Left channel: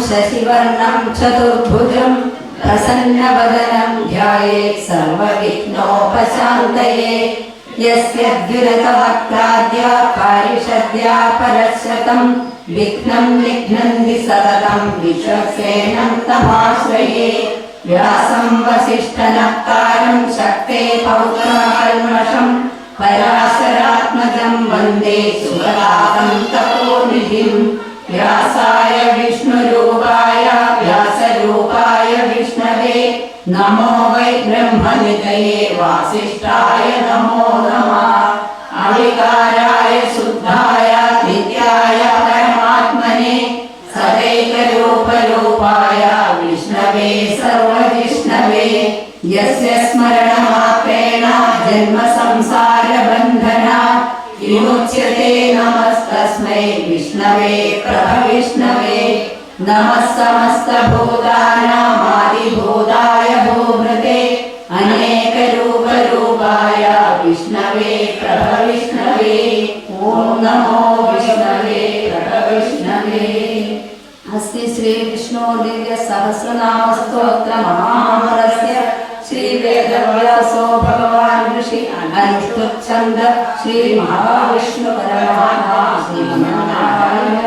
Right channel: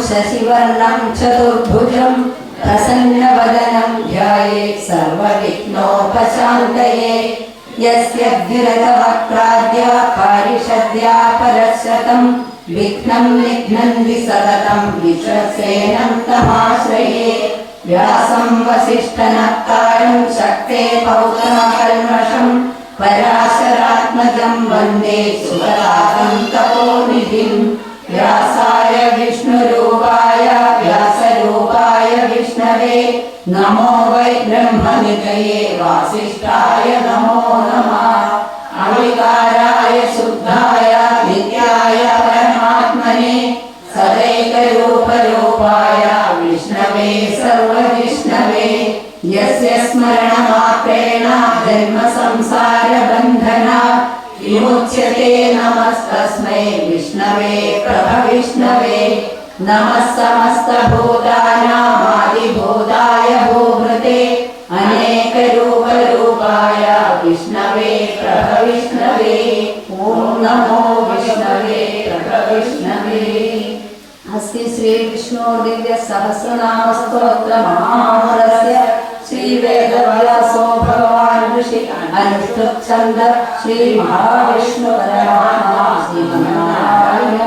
शशिवर्णं चतुर्भुजं प्रसन्नवदनं ध्यायेत् सर्वविघ्नोपशान्तये। यस्य द्विरदवक्त्राद्या पारिषद्या परशतं विघ्नं निघ्नन्ति सततं विश्वसेनं तमाश्रये। व्यासं वसिष्ठनत्तारं शक्ते पौत्रमकल्मषम् पराशरात्मजं वन्दे सुरातं तपोनिधिं വ്യാസായ വിഷ്ണുരൂപായ വ്യാസരൂപായ വിഷ്ണവേ നമോ വൈ ബ്രഹ്മനിതയെ വാസിഷ്ഠായ നമോ नमः समस्तभूतानामादिभूताय भूभृते अनेकरूपरूपाय विष्णवे प्रभविष्णवे ॐ नमो विष्णवे प्रभविष्णवे अस्ति श्रीविष्णोदिव्यसहस्रनामस्तोत्रमहामृतस्य श्रीवेदव्यासो भगवान् ऋषि अनुष्ठुच्छन्द श्रीमहाविष्णुपरमात्मा श्रीमन्नारायणदेवः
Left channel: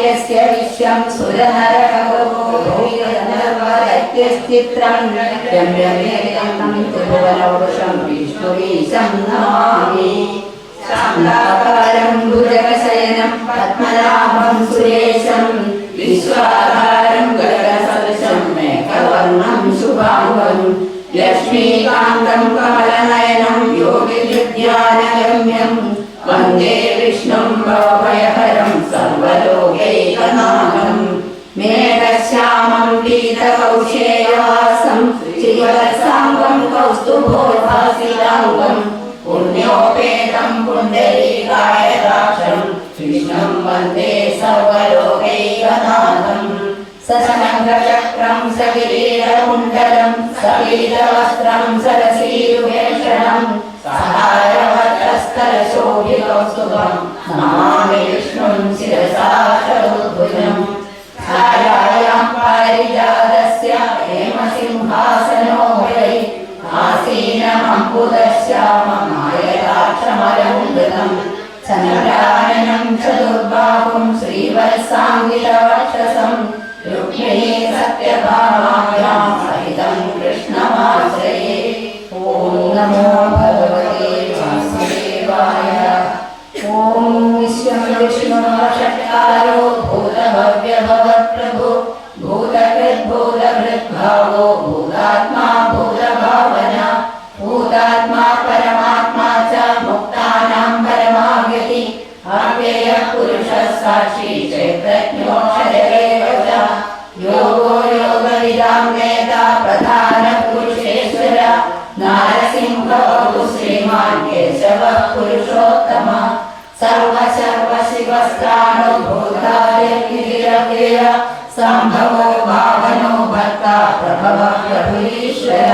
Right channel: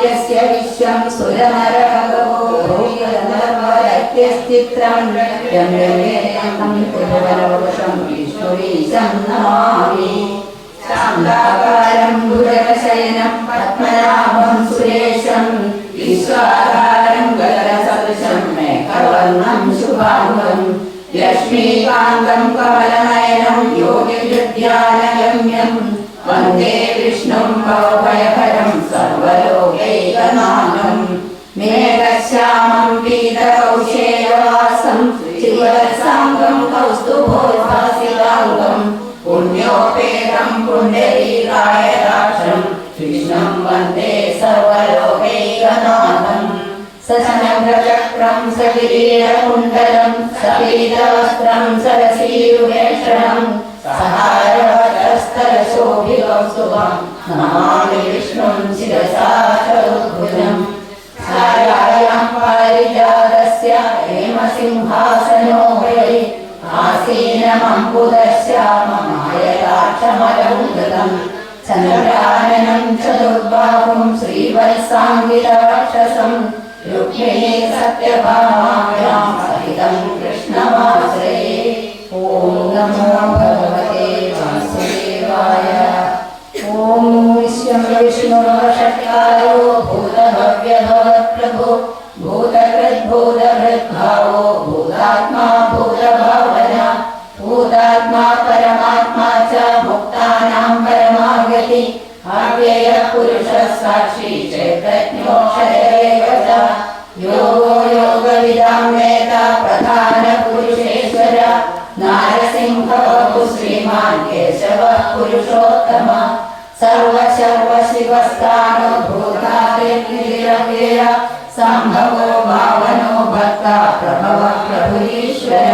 यस्य विश्वं सुरनरकगोभूयनर्वदत्यस्तित्रं यम्यमेतं त्रिभुवनौषं विष्णुवीशं नमामि शान्ताकारं भुजगशयनं पद्मनाभं सुरेशं विश्वाधारं गगनसदृशं मेघवर्णं शुभाङ्गं ലക്ഷ്മീകാന്തം കമലനയനം യോഗിഹൃദ്യാനഗമ്യം വന്ദേ വിഷ്ണും ഭവഭയഹരം സർവലോകൈകനാമം മേഘശ്യാമം പീതകൗശേവാസം ശിവസാംഗം കൗസ്തുഭോഭാസിതാംഗം പുണ്യോപേതം പുണ്ഡരീകായ രാക്ഷം കൃഷ്ണം വന്ദേ സകീരവസ്ത്രം സകീരകുണ്ടലം സകീരവസ്ത്രം സരസീരുവേഷണം സഹാരവസ്തരശോഭിതം സുഖം നമാമി വിഷ്ണും ശിരസാശോദ്ഭുജം ധാരായാം പാരിജാതസ്യ ചതുർബാഹും ശ്രീവത്സാംഗിലവർഷസം രുക്മിണീ सत्यभामायां भूतादिर्निरव्यय सम्भवो भावनो भक्ता प्रभवः प्रभुरीश्वर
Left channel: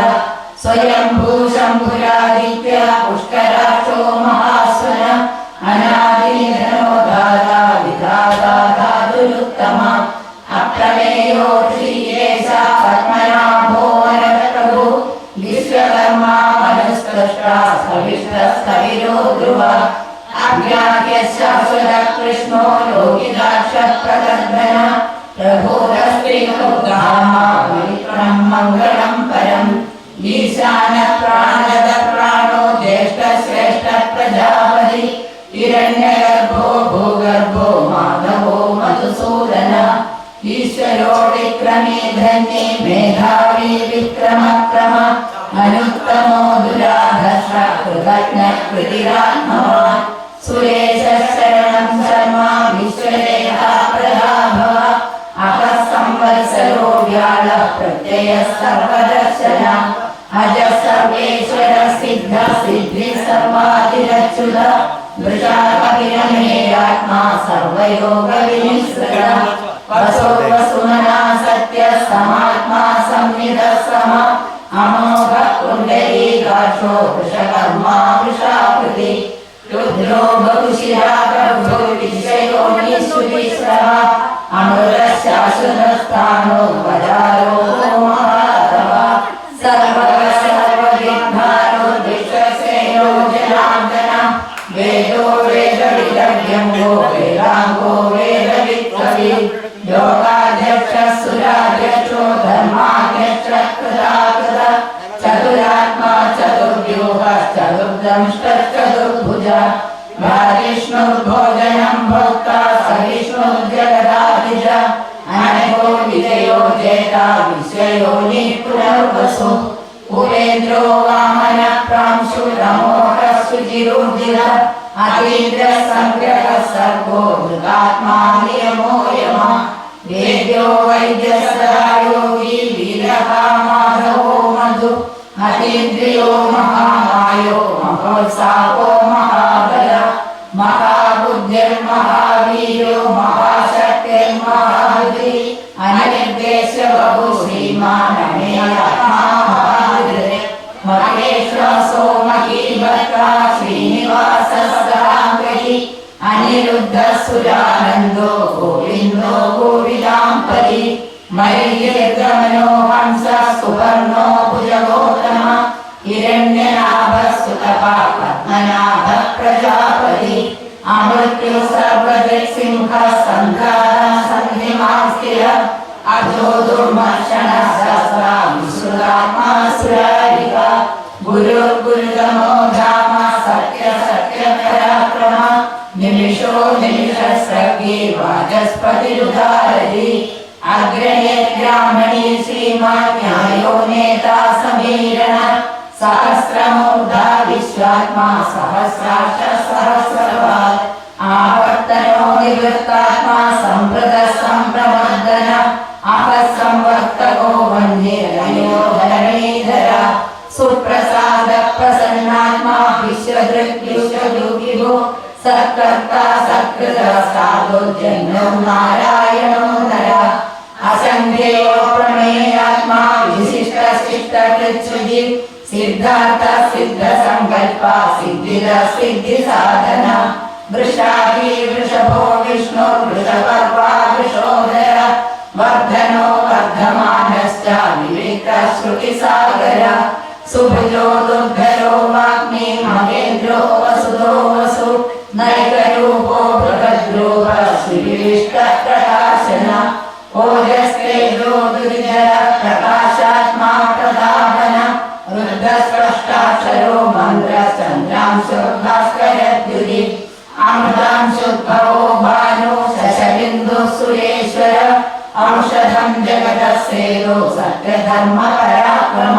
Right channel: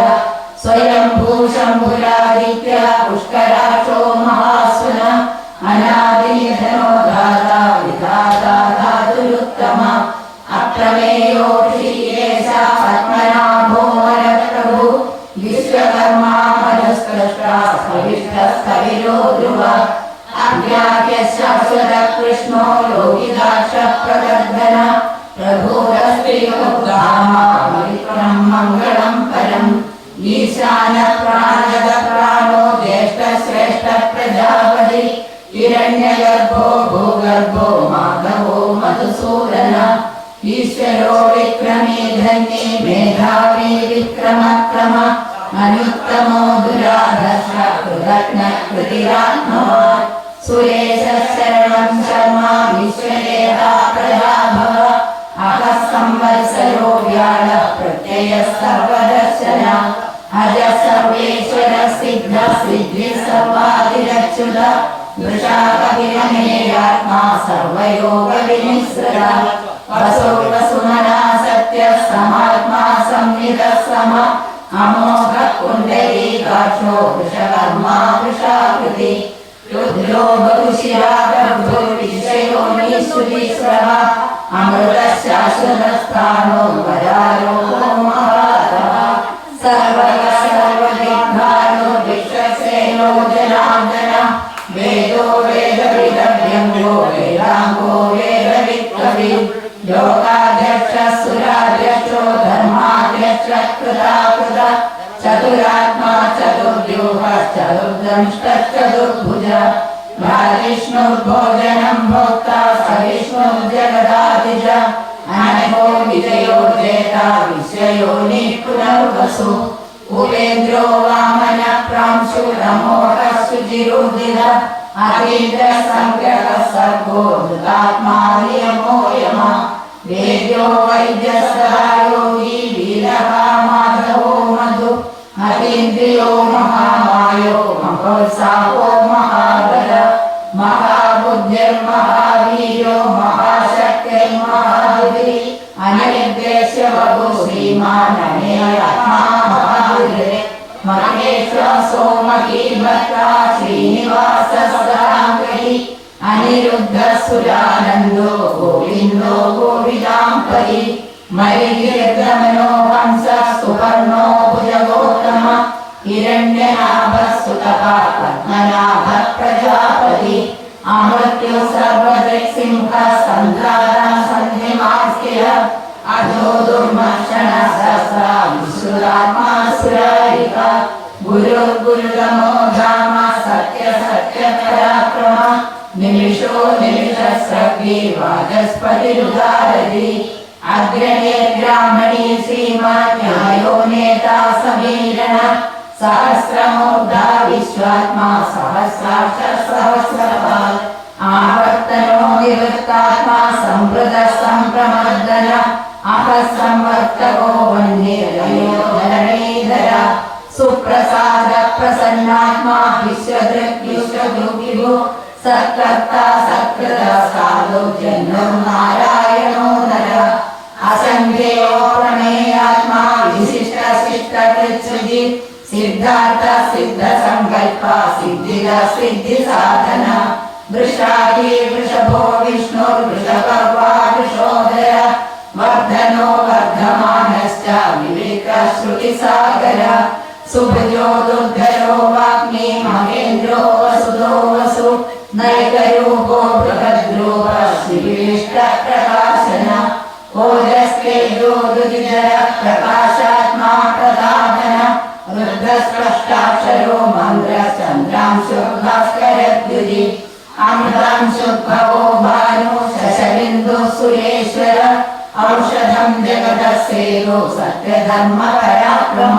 स्वयंभू शम्भुरादित्य पुष्कराचो महास्वन ഈശ്വരോ വിക്രമേ ധന്യേ മേധാവി വിക്രമക്രമ അനുത്തമോ ദുരാധർഷ കൃതജ്ഞ കൃതിരാത്മവാൻ സുരേശ ശരണം ശർമ്മ വിശ്വരേഹ പ്രലാഭവ അഹസംവത്സരോ വ്യാഴ പ്രത്യയ സർവദർശന. അജ സർവേശ്വര സിദ്ധ സിദ്ധി സർവാതിരച്യുത ദൃശാകവിരമേയാത്മാ സർവയോഗ वसो वसुमना सत्य समात्मा संविदः सम। अमोघ कुण्डलीकाक्षो वृषकर्मा वृषाकृति। रुद्रो बहुशिरा गर्भो विषयो निःश्रुतिस्रः अमृतः शाश्वतस्थानो യമോ യമോ ദേവ്യോ വൈദ്യ वाचस्पतिरुदारति अग्रणे ब्राह्मणी नेता सहस्रमूर्धा विश्वात्मा सहस्राक्ष सहस्रपात् आवर्तनो निवृत्तात्मा संवृतः सम्प्रमर्दन अहः संवर्तको वह्निरयो धरणीधर सुप्रसाद प्रसन्नात्मा विश्वदृक् विश्वदुर्गिभु सत्कर्ता सत्कृत साधु जन्मो नारायणो नर असङ्ख्ययो प्रमेयात्मा विशिष्ट शिष्ट कृत्सुजि सिद्धार्थ सिद्ध संकल्प सिद्धिद सिद्धि साधन वृषादि वृषभो विष्णुर्वृषपर्वा वृषोदय वर्धनो वर्धमानश्च विवेकश्रुतिसागर। सुभयो सुभजो औषधं जगतः सेनो सत्यधर्म पराक्रम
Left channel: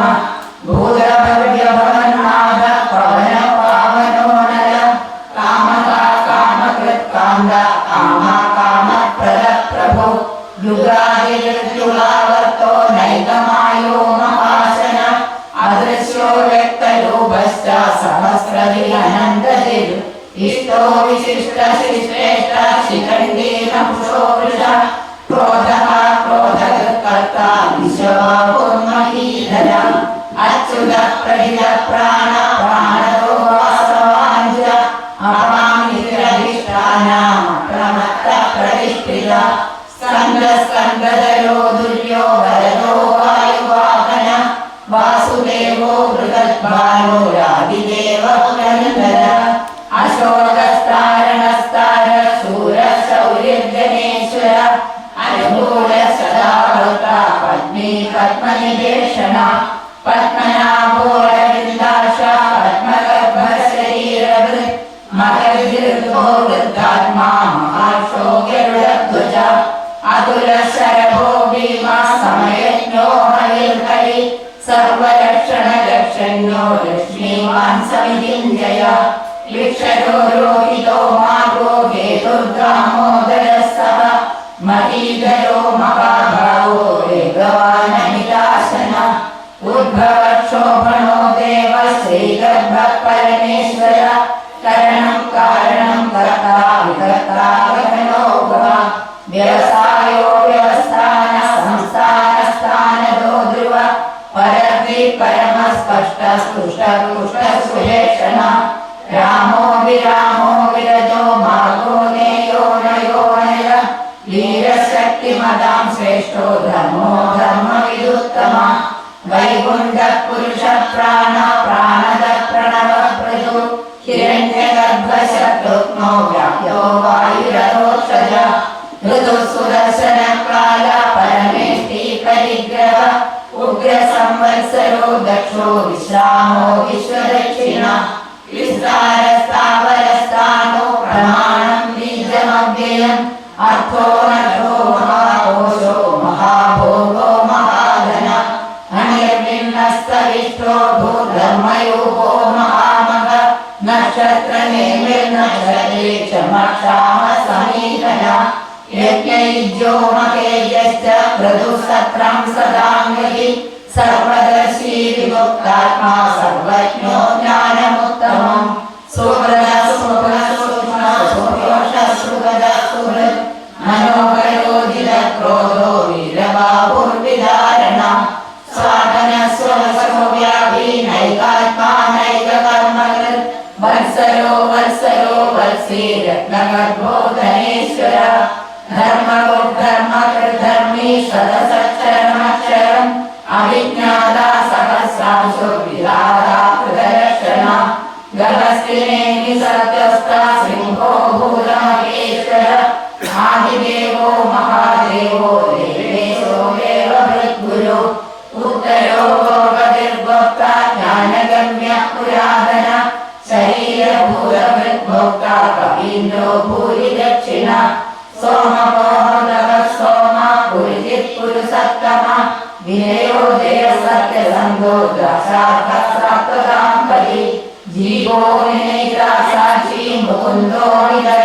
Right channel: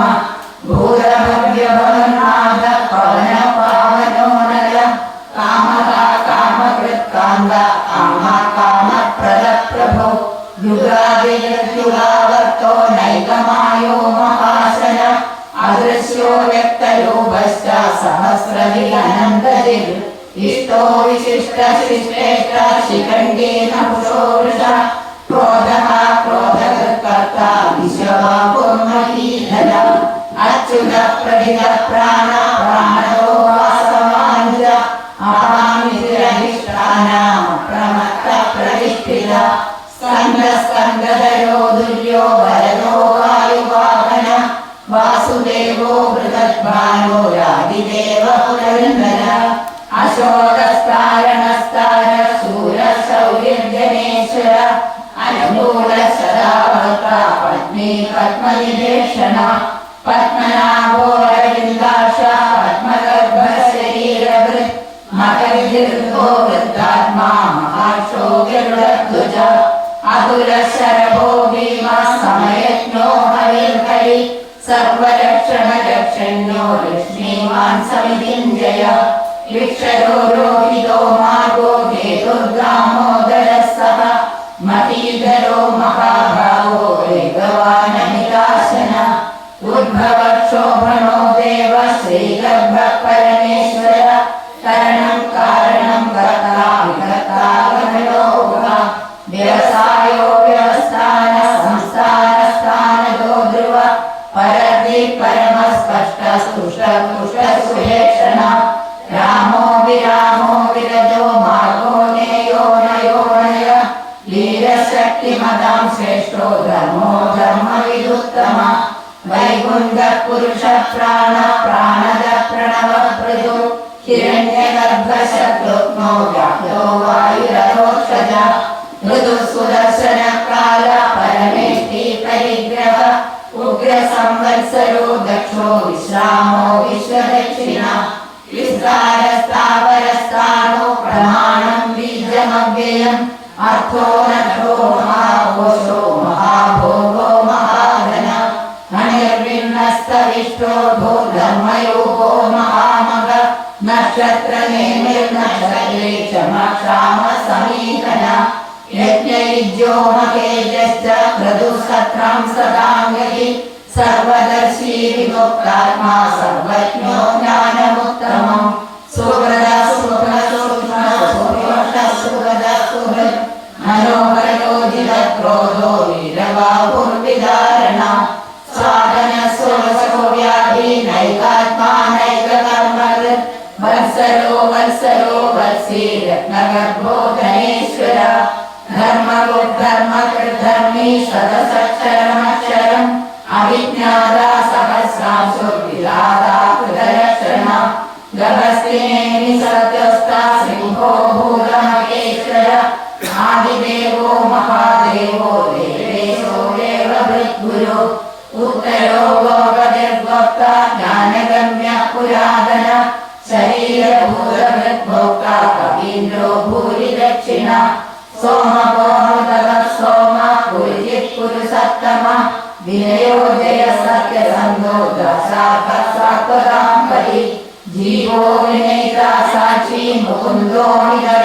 Lord,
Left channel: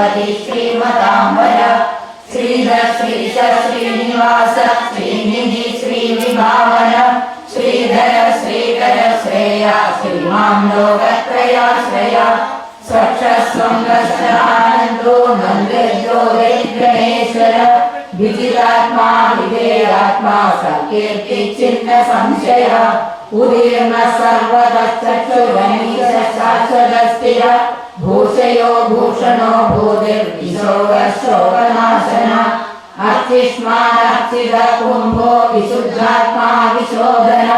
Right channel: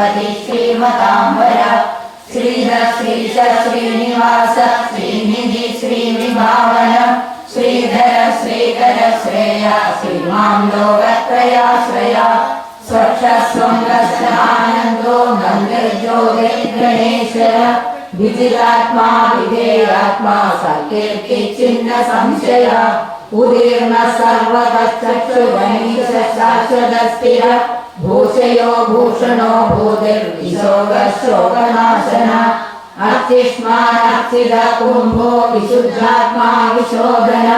गणपति श्रीमताम्बर श्रीधर श्रीश श्रीनिवास श्रीनिधि श्रीविभावन। श्रीधर श्रीकर श्रेया श्रीमां लोकत्रयाश्रया स्वक्षस्वं दर्शनानन्दो मन्दिर्योगे गणेश्वर विजितात्मा विधेयात्मा सकीर्तिचिन्न संशय। उदीर्ण सर्वतश्चक्षुरमीशश्चाचदस्थिर भूषयो, भूषणो भूतिर्विशो वशोकनाशन अस्तिष्मानस्तिद कुम्भो विशुद्धात्मा विशोधन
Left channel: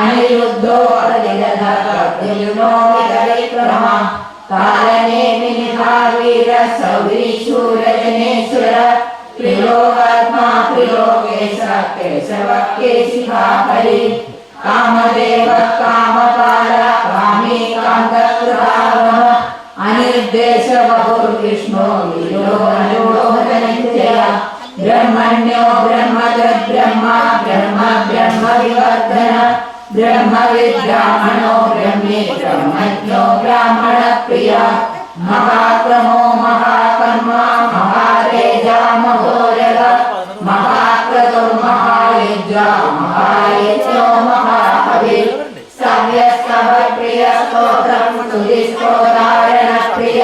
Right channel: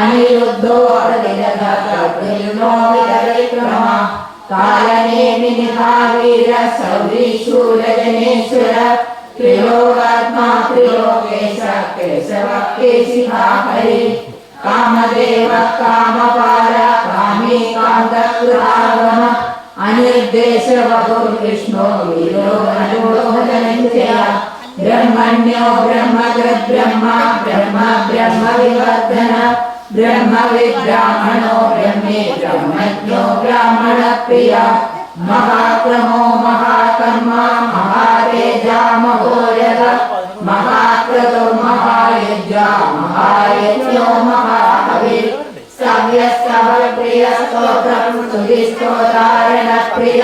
अनिरुद्धो अदिरधो विदरिक्रम कालनेमिनिहा वीर सौरीशूरजनेश्वर त्रिलोकात्मा, त्रिलोकेश, केशव, केशिभा, हरि, कामदेव, कामपाल, कामी कान्तकृहा देशवपुर्विष्णो विरोधनन्त्या ब्रह्म ब्रह्मविवर्धन ब्रह्मविब्राह्मणो ब्रह्मे ब्रह्मज्ञो महाक्रमो महा स्तुतिस्तोतारणप्रिय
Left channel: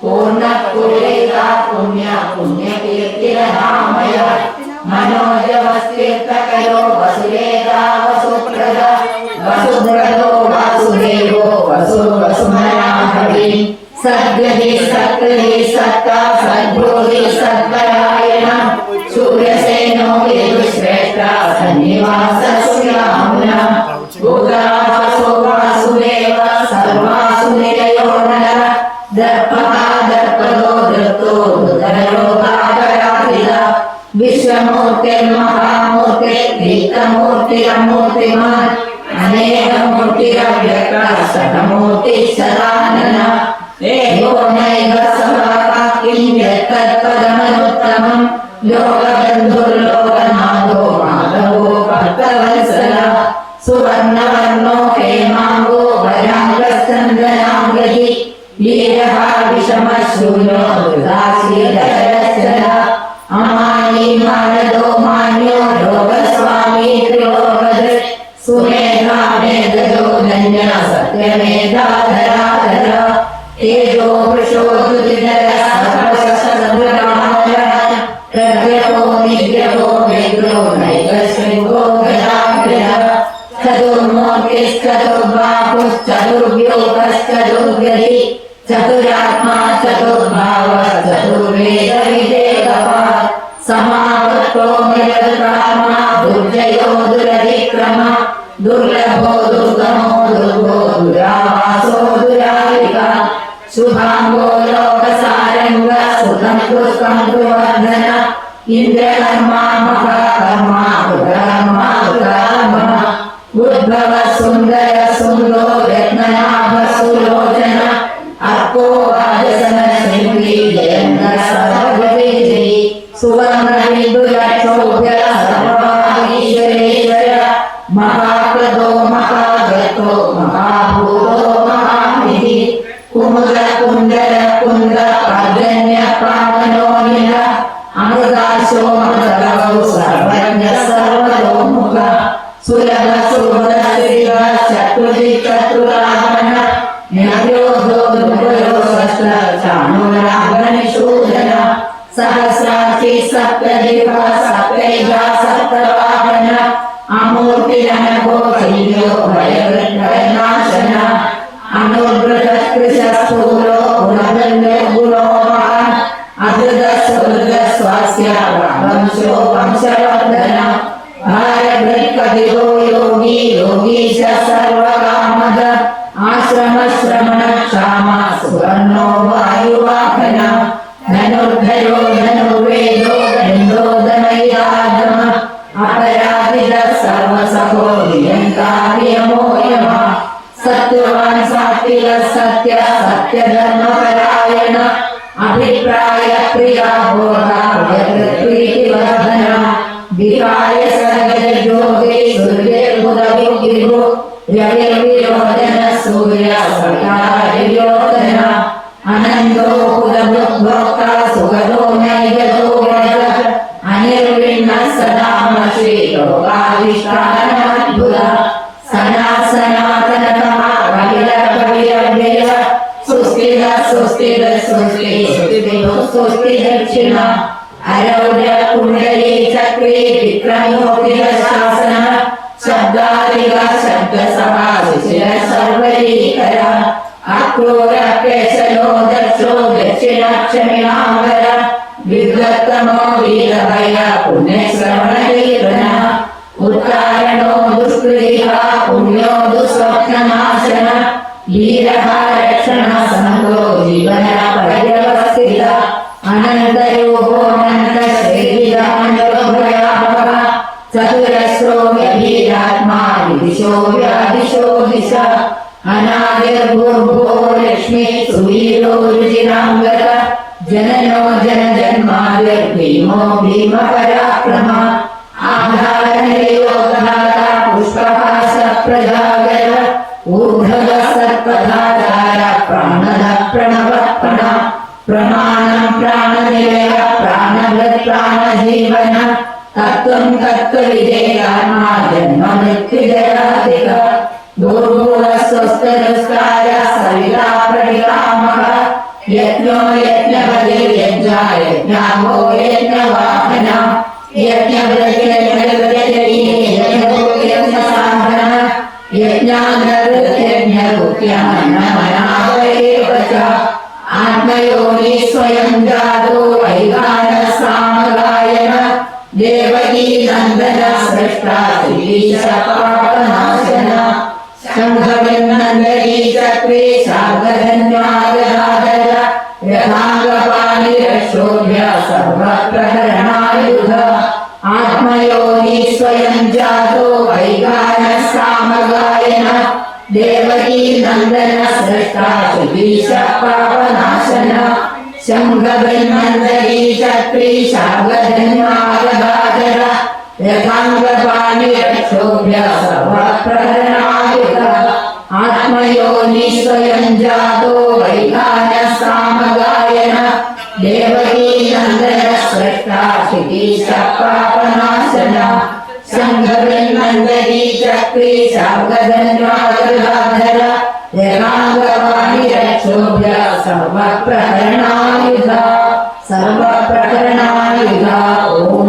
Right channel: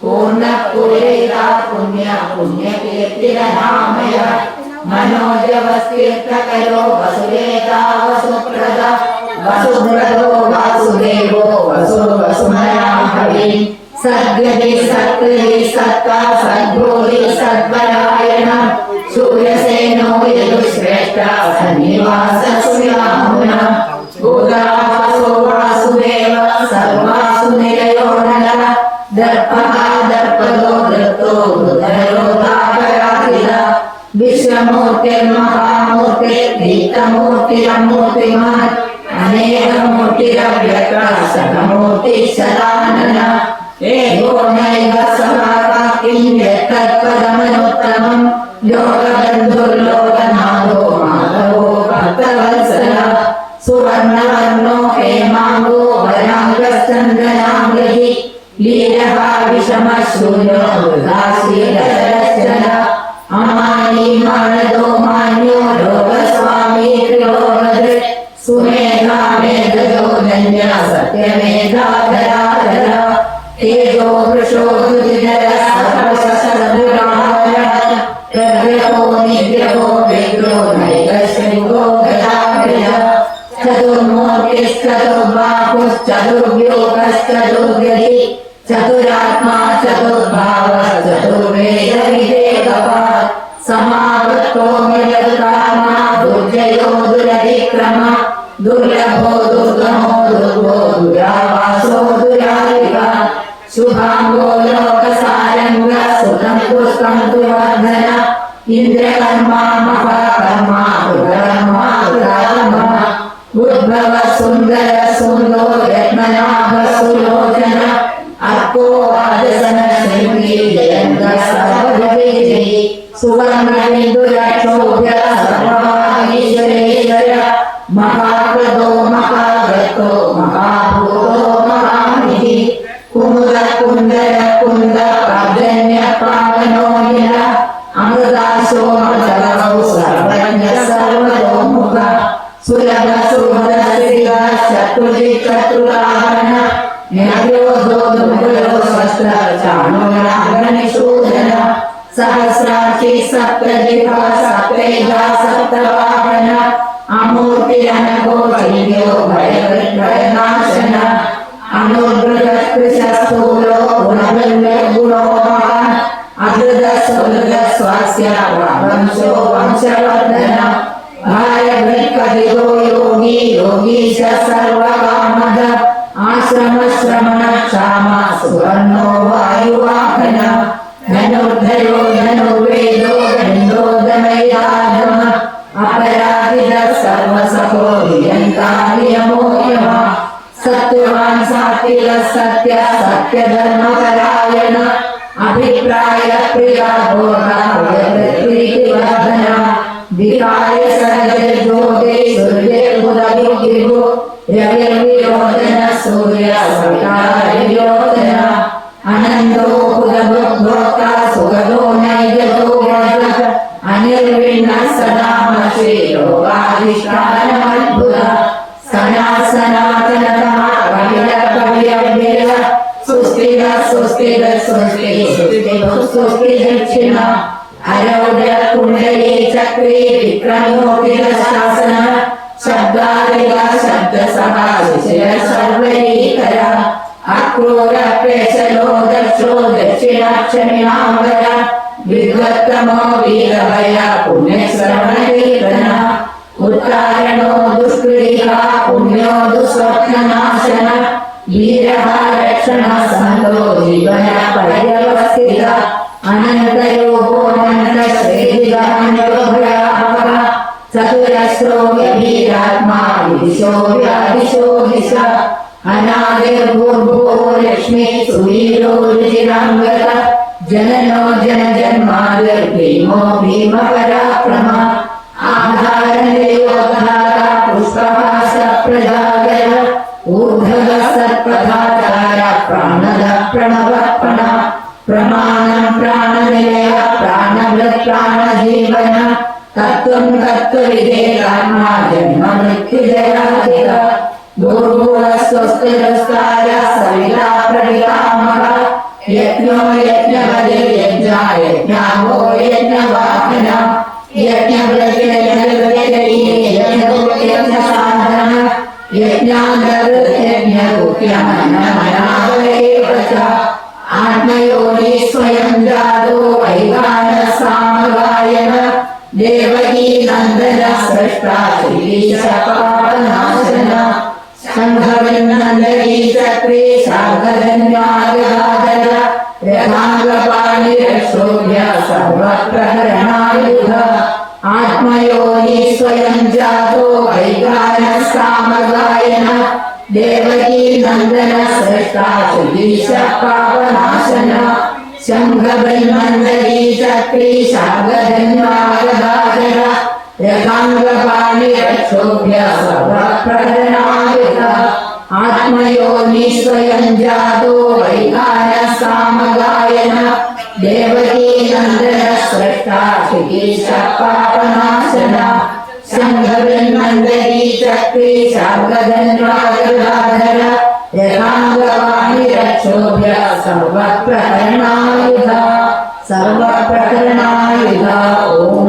पूर्णपूरिता पुण्य पुण्यकीर्तिरनामय मनोजवस्तीर्थकरो वसुरेता वसुप्रदा वसुप्रदो वासुदेवो वसु वसुमनाभवि सद्गति सत्कृति सत्ता सद्भूति सद्परायण మూర్తిర్మహామూర్తి నిత్యమూర్తి అమూర్తిమాన్ అనేకమూర్తిరవ్యకటమూర్తి సదానన ఏకోనైవ సమాకాకిం యత్తత్పదమనుత్తమం యోగబంధుర్లోకనాథో మాధవో భక్తవత్సల సువర్ణవర్ణో धन्य सत्यमेधाधराधर तेजो वृषो दुर्धर सर्वशस्त्रधराय प्रग्रहो निग्रहो विग्रो नैकशृङ्गो गदाग्रह चतुर्बाहुश्चतुर्व्योगश्चतुर्गति सूर्यर्बुदविगिर्भु रविर्विरोधन सूर्य सकार्योधन अनन्दो कुलभुक्भोक्ता सुगदो नैजतो व्रज अनिर्विण्ण सदा श्रीयोगाधिष्ठानमद्भुत सना सनातनतमा कविर कविरव्यय सुस्थिर सुस्थिर सुस्ति सुस्तिभुः सुस्ति दक्षिण अरौढ दुष्कृतिः पुण्यो दुःस्वप्ननाशन वीरः रक्षण सन्तो जीवन पर्यवस्थित अनन्तरूपोऽनन्तशरीराण्योभयाभवः चतुरस्रो गभीरात्मा विदिशो व्यादिशो दिश अनादिर्भूर्भुवो लक्ष्मी सुवीरो रुचिराङ्गद जननो जनजन्मादिर्भीमो Yeah. देवकी नंदन सृष्टा सुगीश पावनाशन शङ्खबैर्मन्दरी शक्ति शागधन्वागदागर यथाङ्गपाणि रक्षोभ्य सर्वप्रहरणायुतः आत्मयो जातो देवकी नंदन सर्वप्रकरणायुध सर्वप्रकरणायुध ॐ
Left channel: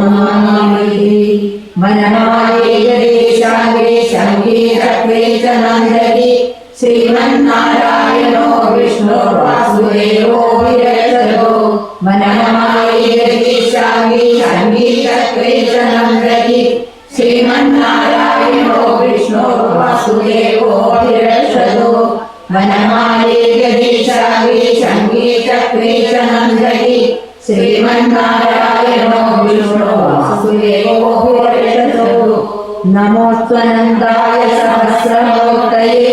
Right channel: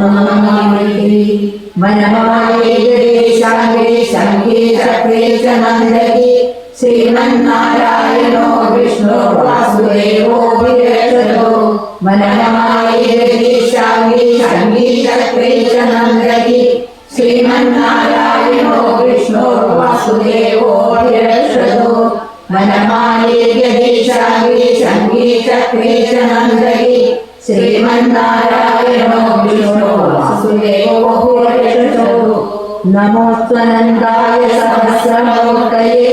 मनमाये जगेशाङ्गे शङ्गे चक्रे च नन्दति श्रीमन्नारायणो विष्णो वासुदेवो विरज नन्दयि श्रीमन्नारायणो विष्णो सुदेवो नमोत्वनन्दाय सहस्रलोकये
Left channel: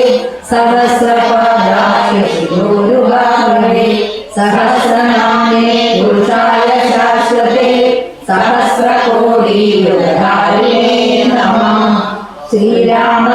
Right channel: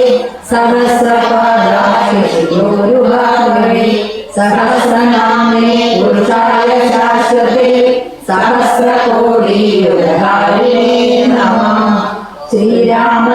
सहस्रपादाय गुरुभागवे सहस्रनामे पुरुषाय शाश्वते सहस्रकोटियुधारिणे नमः। श्रीराम